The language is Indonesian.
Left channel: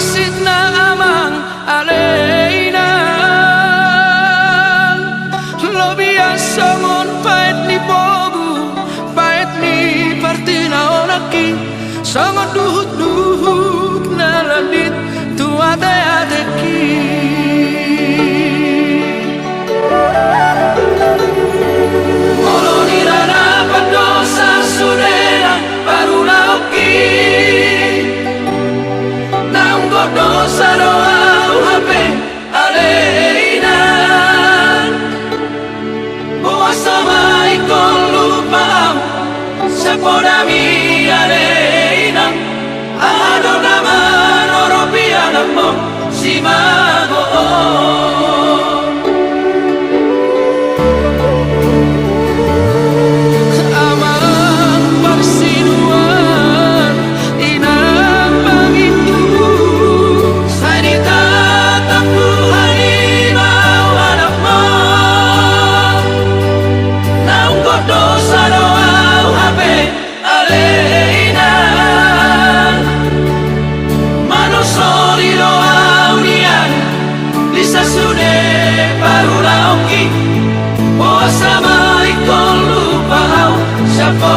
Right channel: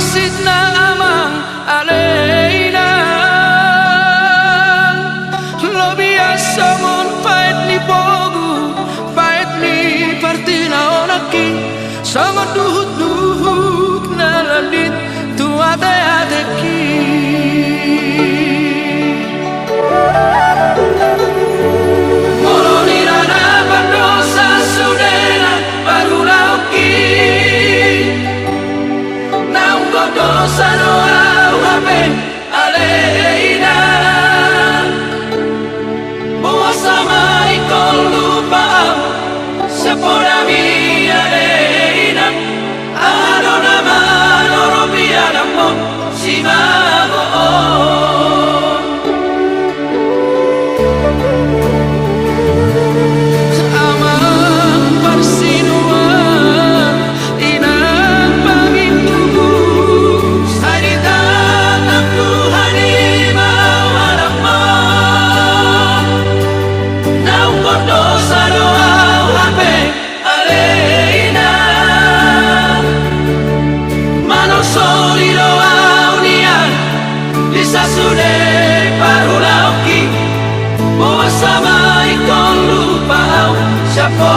masid na amang alena Lobia songon pait ni bogu pait ni partina onaki songon duhut na ladit tu ate ki Molonirana padosa sudena baruna oki dosa no hape aleina Boa sama ikon lupa sepora mi aleina Ano nama no ropiana pon si mago Amang parsinuan inang pangindu dosa doa hape aleina manok solido unian bisa sude parulauki boa sama ikon lupa au siapa